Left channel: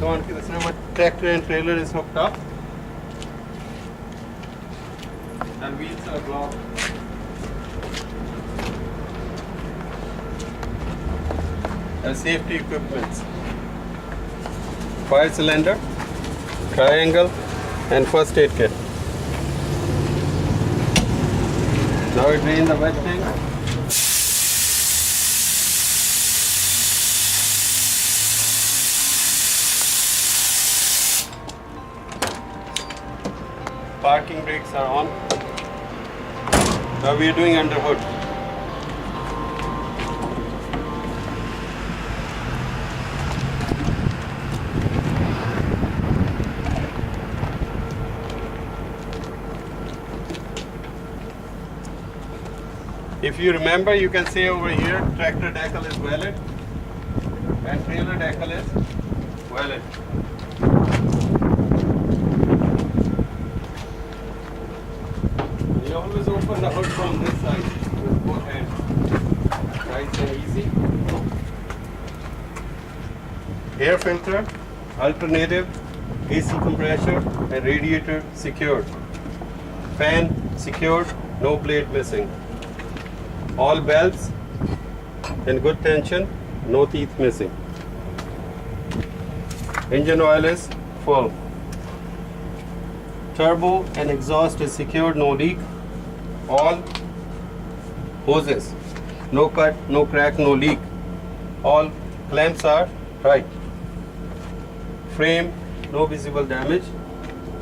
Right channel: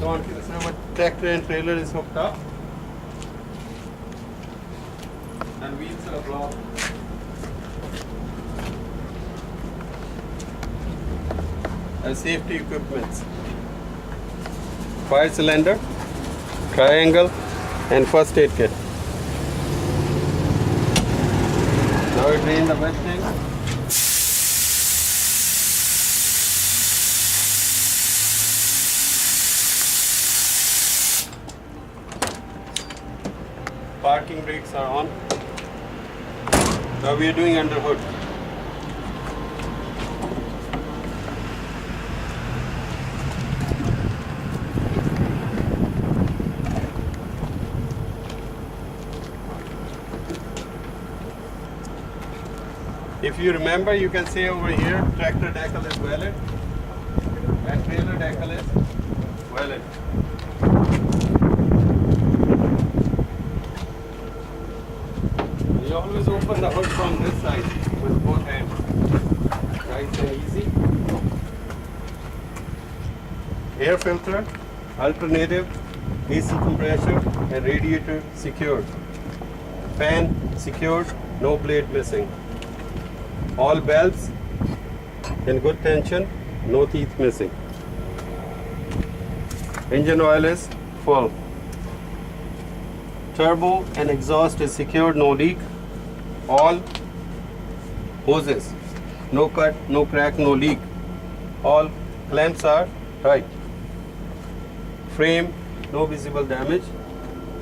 Don't see the number tractor and trailer is hooked up. And wheels are blocked. And safety equipments. Fire cylinder, triangle, and first aid kit. Now we drain the wet tank. Parking brakes are on. Now we are doing under hood. If you remember, you can say over here, tractor decal is valid and trailer decal is valid. You always open the hood from this side with both hands. Nice and easy. Air filter, alternative, AC compressor and radiator secured. Fan secured, no blade missing. All belts in good tension, no teeth missing. Engine oil is full. Turbo and exhaust is secured, no leak. All hoses, no cut, no crack, no leak. All clamps are tight. Frame, no visible damage.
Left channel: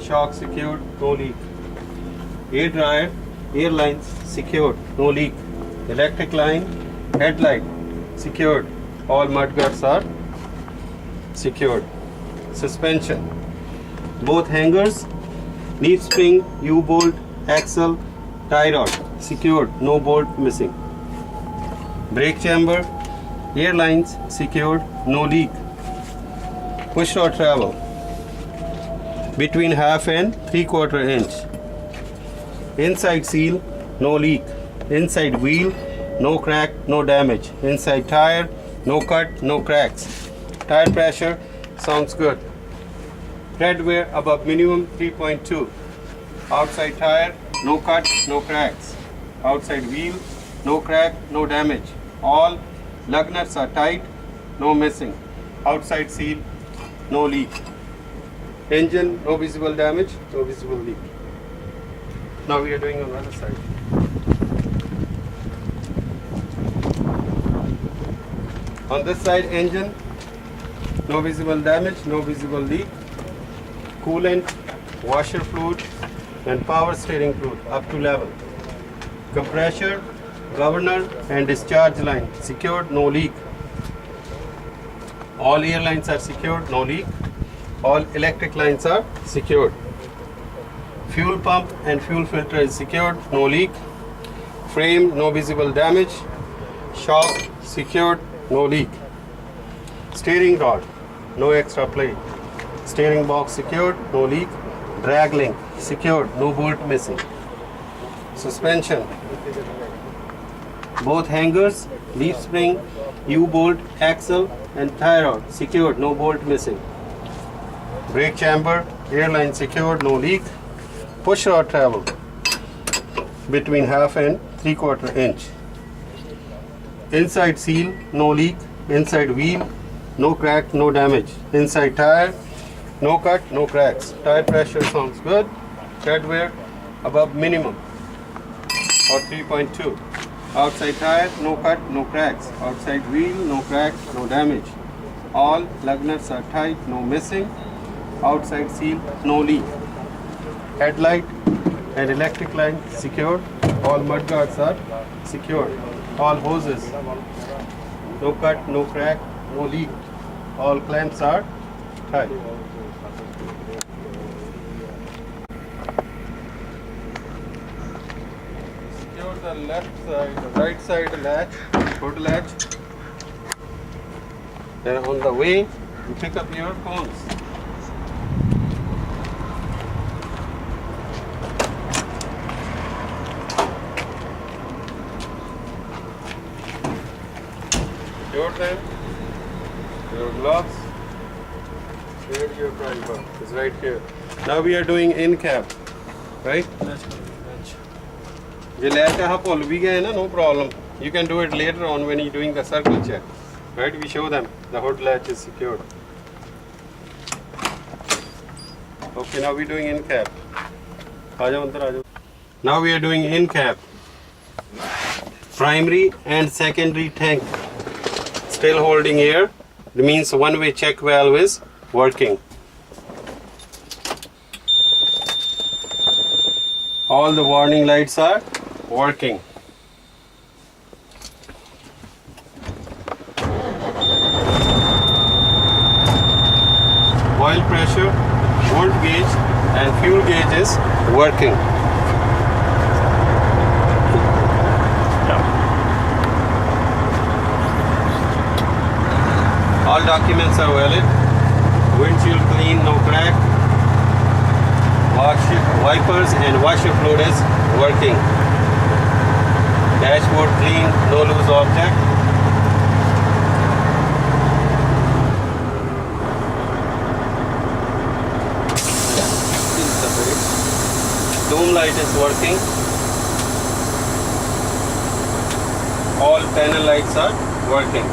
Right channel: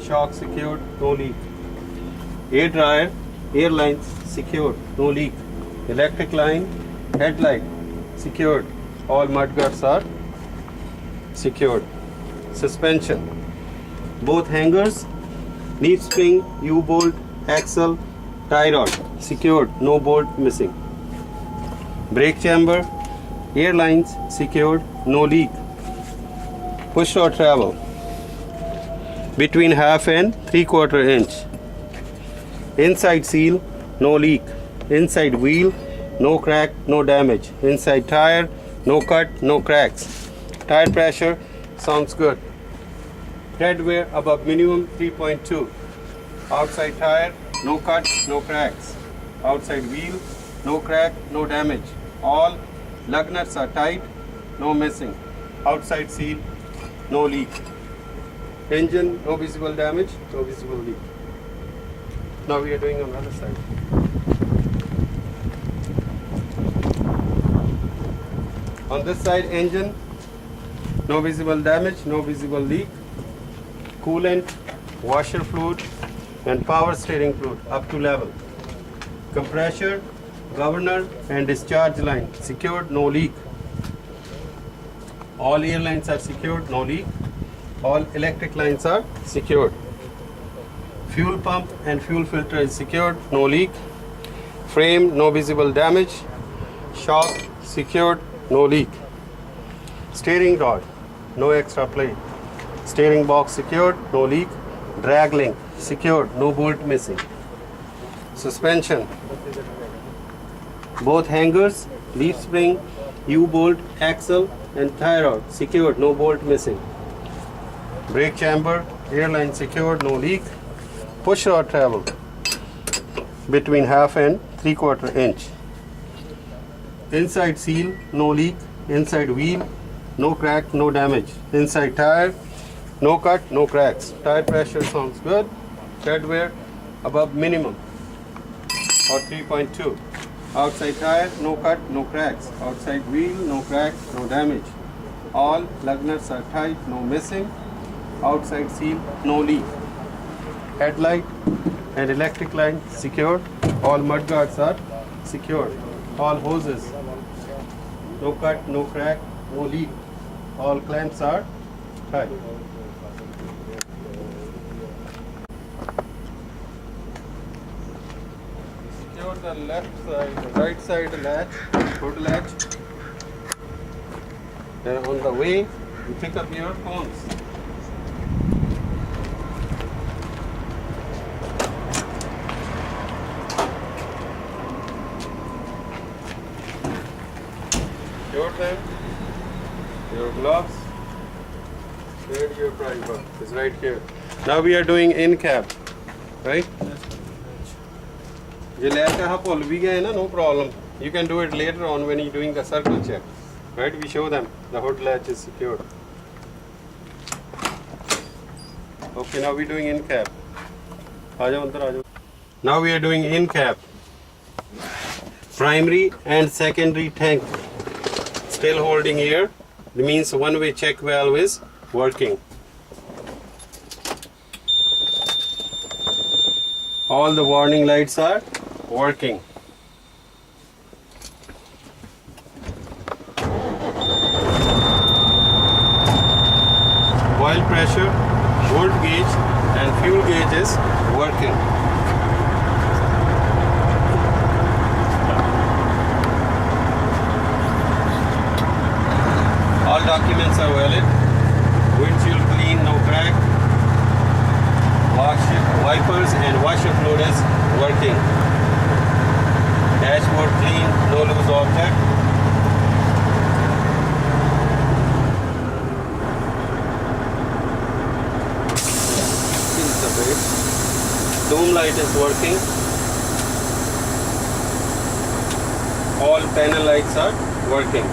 Shock secured, no leak. Air dryer, air lines secured, no leak. Electric line, headlight secured. All mudguards are secured. Suspension, both hangers, leaf spring, U-bolt, axle, tie rod secured, no bolt missing. Brake chamber, air lines secured, no leak. Push rod travel between 1/2 and 3/4 inch. Inside seal, no leak. Inside wheel, no crack, no damage. Inside tire, no cut, no cracks. Tire pressure sounds good. Tread wear above minimum 3.2. Outside tire, no cut, no cracks. Outside wheel, no crack, no damage. All lug nuts are tight, no missing. Outside seal, no leak. Engine, no visible damage, no visible leak. Now we are doing on the other side. On this side, engine, no visible damage, no visible leak. Coolant, washer fluid, and power steering fluid up to level. Compressor, governor, and discharge line secured, no leak. All air lines are secured, no leak. All electric lines are secured. Fuel pump and fuel filter is secured, no leak. Frame, no visible damage. Shock, secured, no leak. Steering rod, no extra plate. Steering box secured, no leak. Drag link secured, no bolt missing. Suspension, both hangers, leaf spring, U-bolt, axle and tie rod secured, no bolt missing. Brake chamber, air line secured, no leak. Push rod travel between 1/2 and 3/4 inch. Inside seal, no leak. Inside wheel, no crack, no damage. Inside tire, no cut, no cracks. Tire pressure sounds good. Tread wear above minimum or 3.2. Outside tire, no cut, no cracks. Outside wheel, no crack, no damage. All lug nuts are tight, no missing. Outside seal, no leak. Headlight and electric line secured. All mudguards are secured. All hoses, no cut, no crack, no leak. All clamps are tight. Secure the left side, right side latch, hood latch. Then on the way, you pick up your cones. Your time, your gloves, Radio driver is right here. Now we are doing in cab, right? ये latch यहाँ पुल भी गए ना, no problem. You can do it later on when you're doing the circle check, right? We show them the hood latch is secured. Okay, now we're doing in cab. आजाओ अंदर आजाओ. Now we are doing in cab. Primary and secondary tank still holding air. It means one-way check valve is working. All the warning lights are working. Oil pressure, volt gauge and fuel gauge is working. All documents are valid. Windshield clean, no crack. Wipers and washer fluid is working. Dashboard clean, no loose object. Dome light is working. All panel lights are working.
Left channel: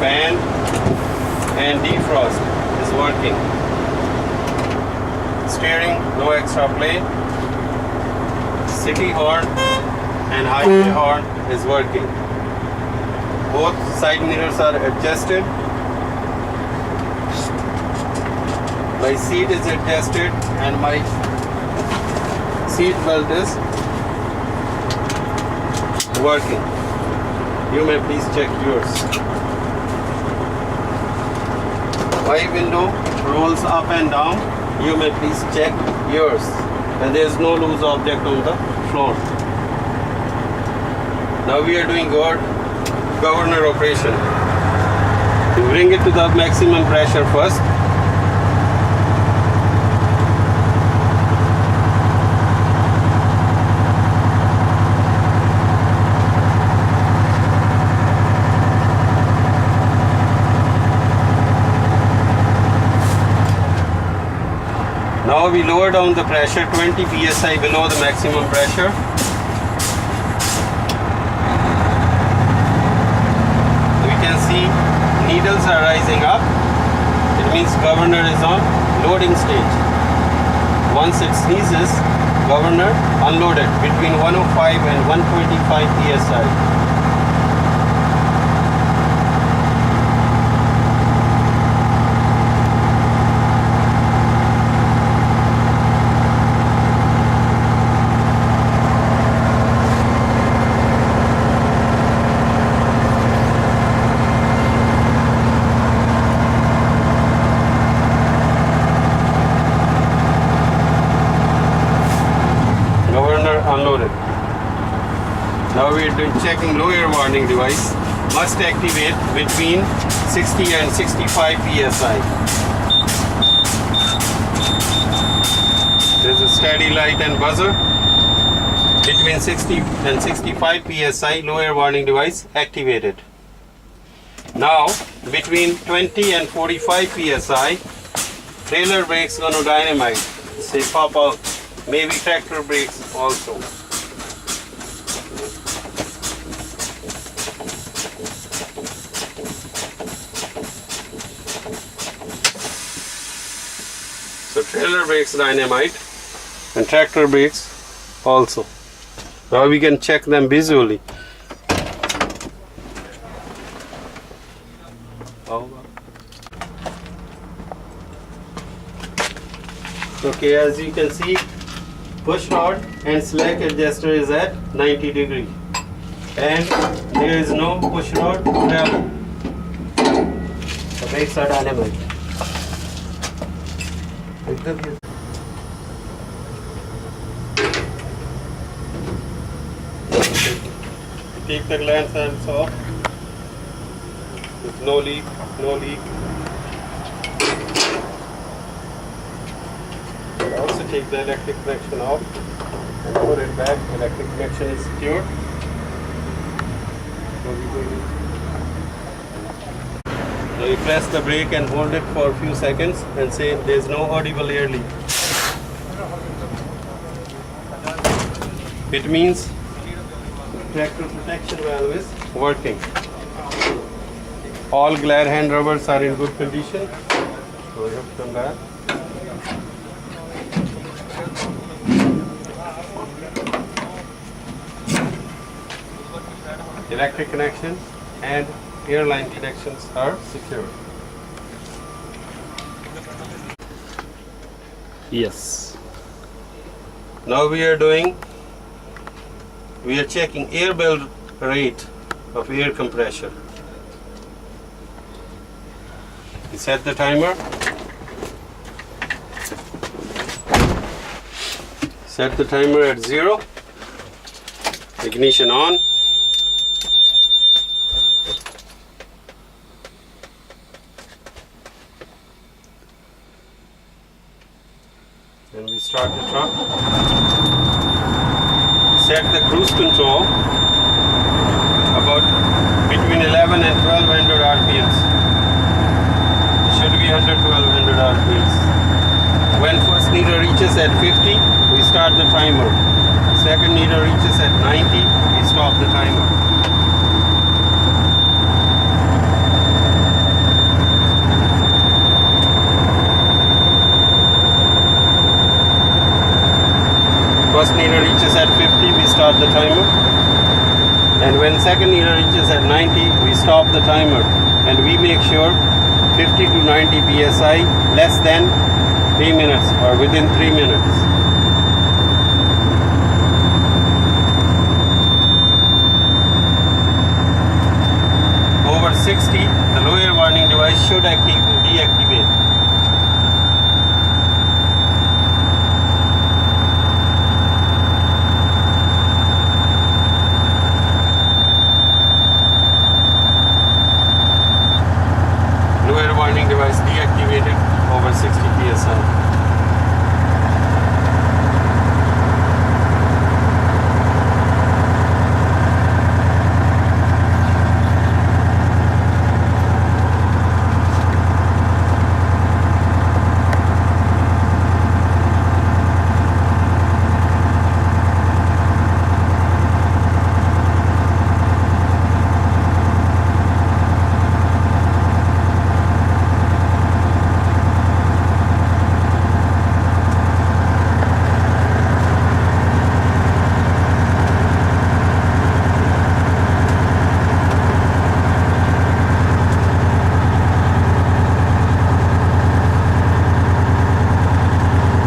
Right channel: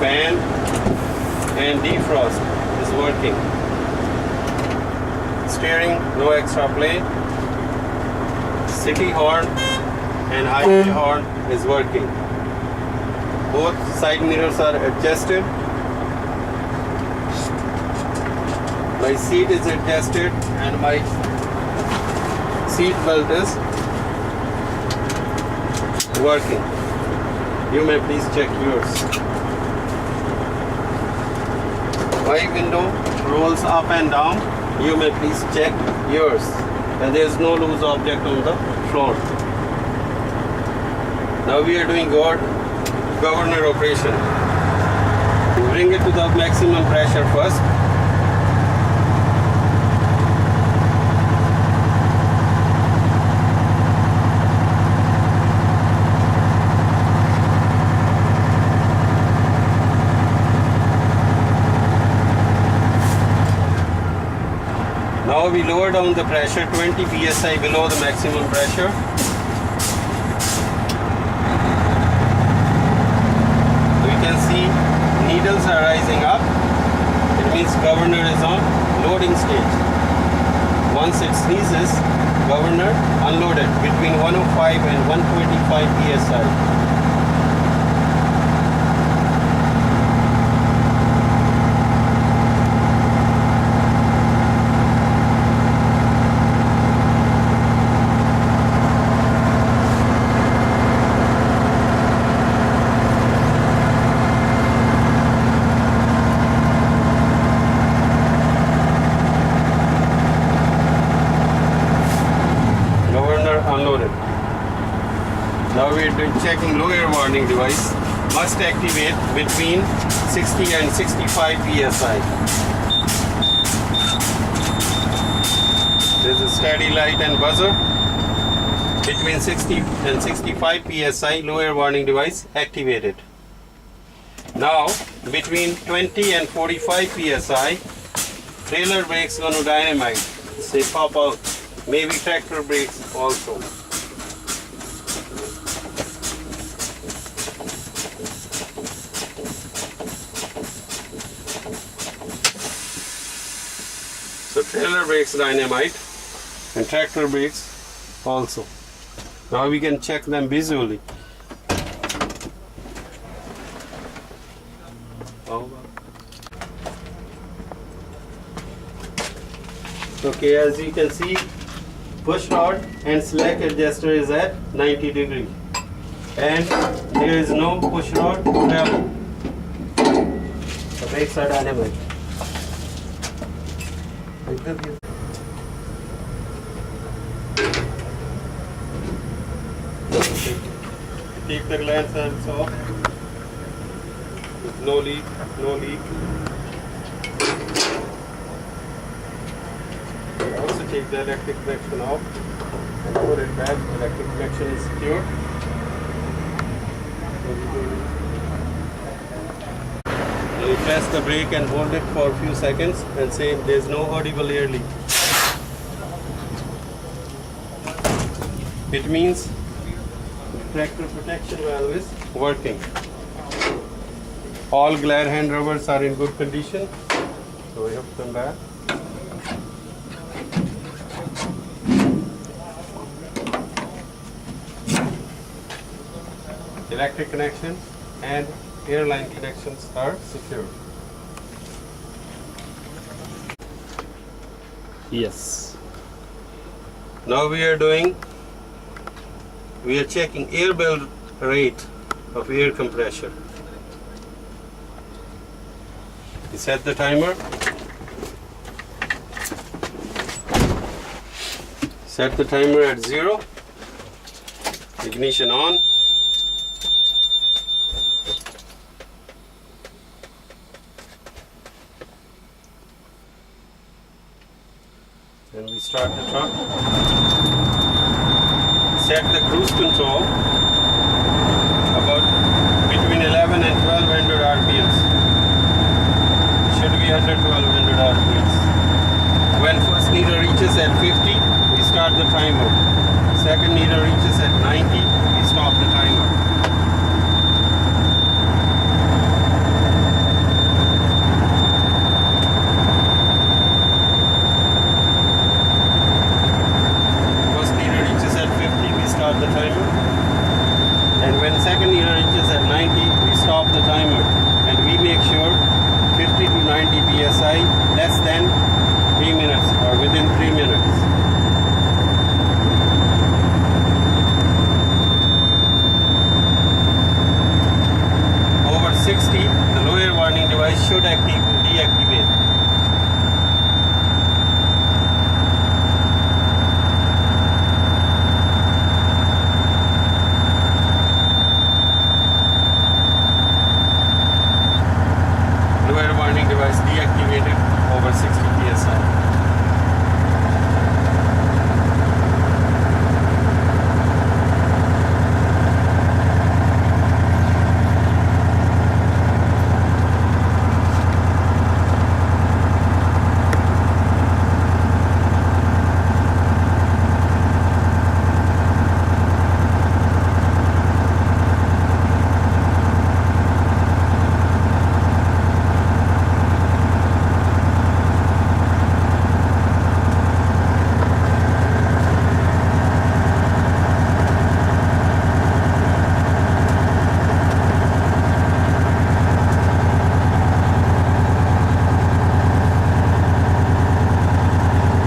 Fan and defrost is working. Steering, no extra play. City horn and highway horn is working. Both side mirrors are adjusted. My seat is adjusted and my seat belt is working. You may please check yours. My window rolls up and down. You may please check yours. And there is no loose object on the floor. Now we are doing governor operation. We bring it to the maximum pressure first. Now we lower down the pressure 20 psi below the maximum pressure. We can see needles are rising up. It means governor is on loading stage. Once it sneezes, governor unloaded between 105 and 125 psi. Unloaded. Now we are checking low air warning device. Must activate between 60 and 65 psi. There is a steady light and buzzer. Between 60 and 65 psi, low air warning device activated. Now between 20 and 45 psi, trailer brakes gonna dynamite. Say pop out. Maybe tractor brakes also. So trailer brakes dynamite and tractor brakes also. Now we can check them visually. Okay, as you can see, push rod and slack adjuster is at 90 degree and there is no push rod travel. The brakes are dynamite. Take the glance hands off. With no leak, no leak. Also take the electric connection off and put it back. Electric connection is secured. So you press the brake and hold it for a few seconds and say there's no audible air leak. It means tractor protection valve is working. All glare hand rubbers are in good condition. So we have to come back. Electric connection and airline connections are secure. Yes. Now we are checking air bell rate of air compressor. We set the timer. Set the timer at 0. Ignition on. Then we start the truck. Set the cruise control about between 11 and 1200 RPMs. It should be under 1200 RPMs. When first needle reaches at 50, we start the timer. Second needle reaches at 90, we stop the timer. First needle reaches at 50, we start the timer. And when second needle reaches at 90, we stop the timer. And we make sure 50 to 90 psi less than 3 minutes or within 3 minutes. Over 60, the lower warning device should deactivate. Lower warning device deactivated over 60 psi.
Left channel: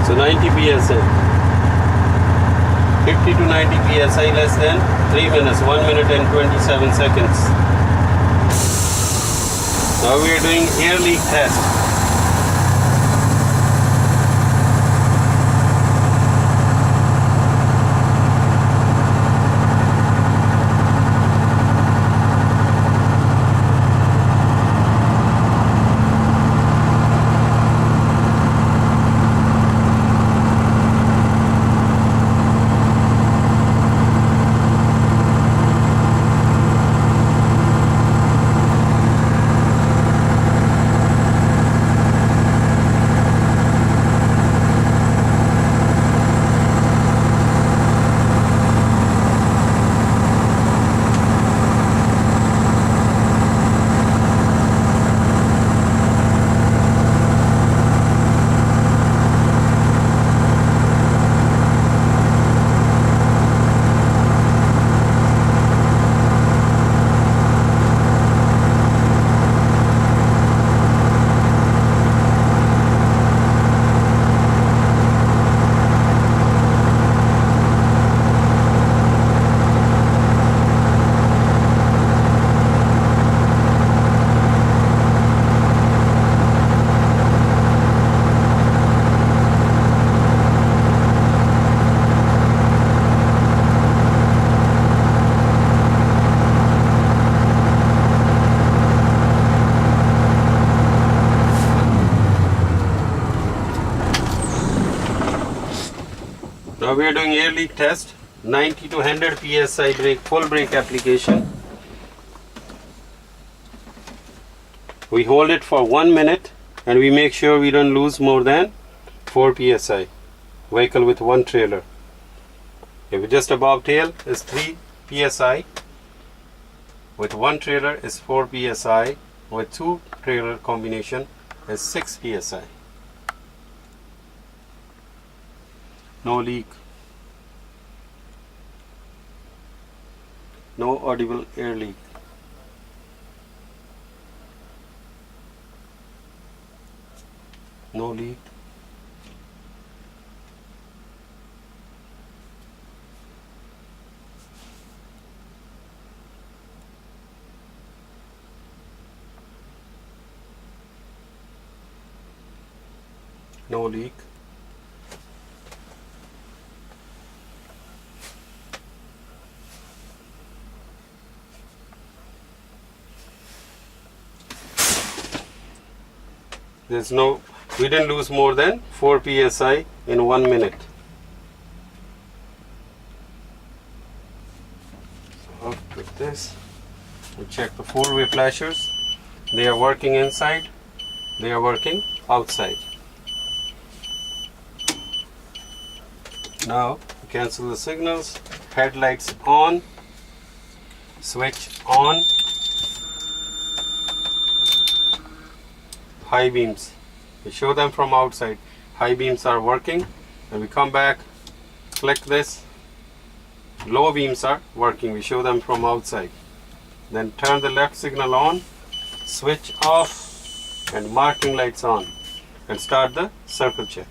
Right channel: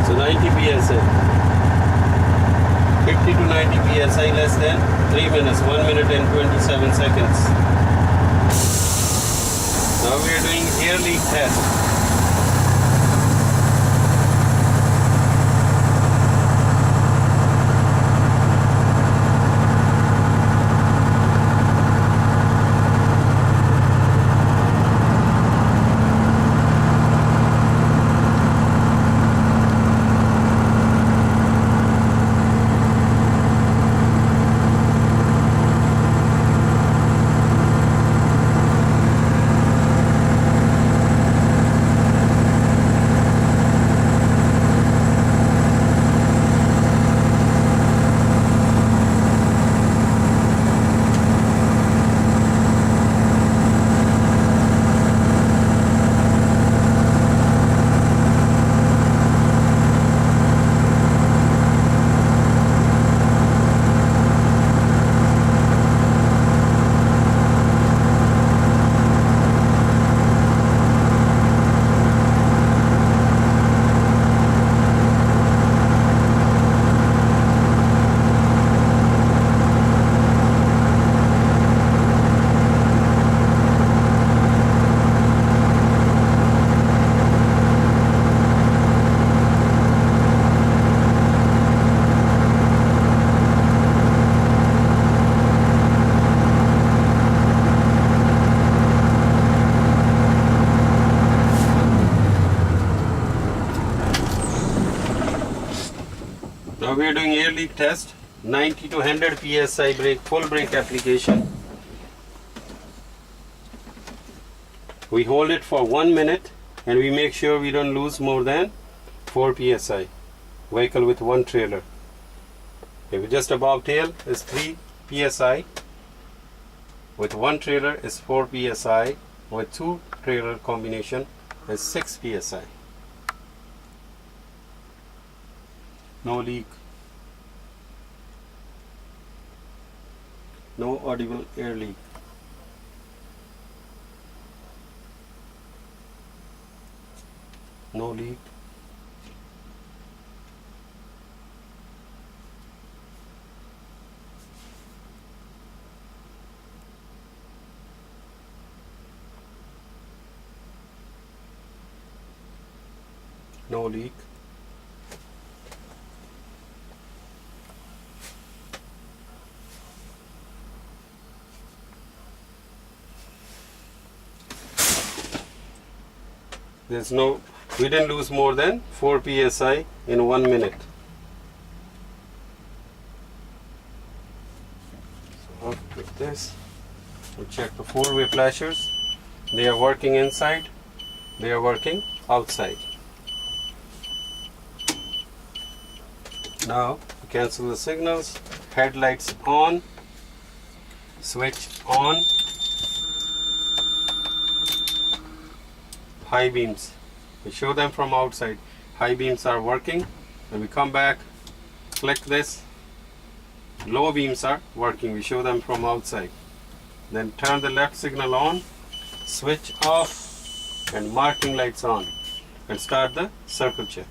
So 90 psi. 50 to 90 psi less than 3 minutes, 1 minute and 27 seconds. Now we are doing air leak test. Now we are doing air leak test, 90 to 100 psi brake, full brake application. We hold it for 1 minute and we make sure we don't lose more than 4 psi. Vehicle with 1 trailer. If just above tail is 3 psi. With 1 trailer is 4 psi. With 2 trailer combination is 6 psi. No leak. No audible air leak. No leak. No leak. We didn't lose more than 4 psi in 1 minute. So after this, we check the 4-way flashers. They are working inside. They are working outside. Now we cancel the signals. Headlights on. Switch on. High beams. We show them from outside. High beams are working. And we come back, click this. Low beams are working. We show them from outside. Then turn the left signal on, switch off, and marking lights on, and start the circle check.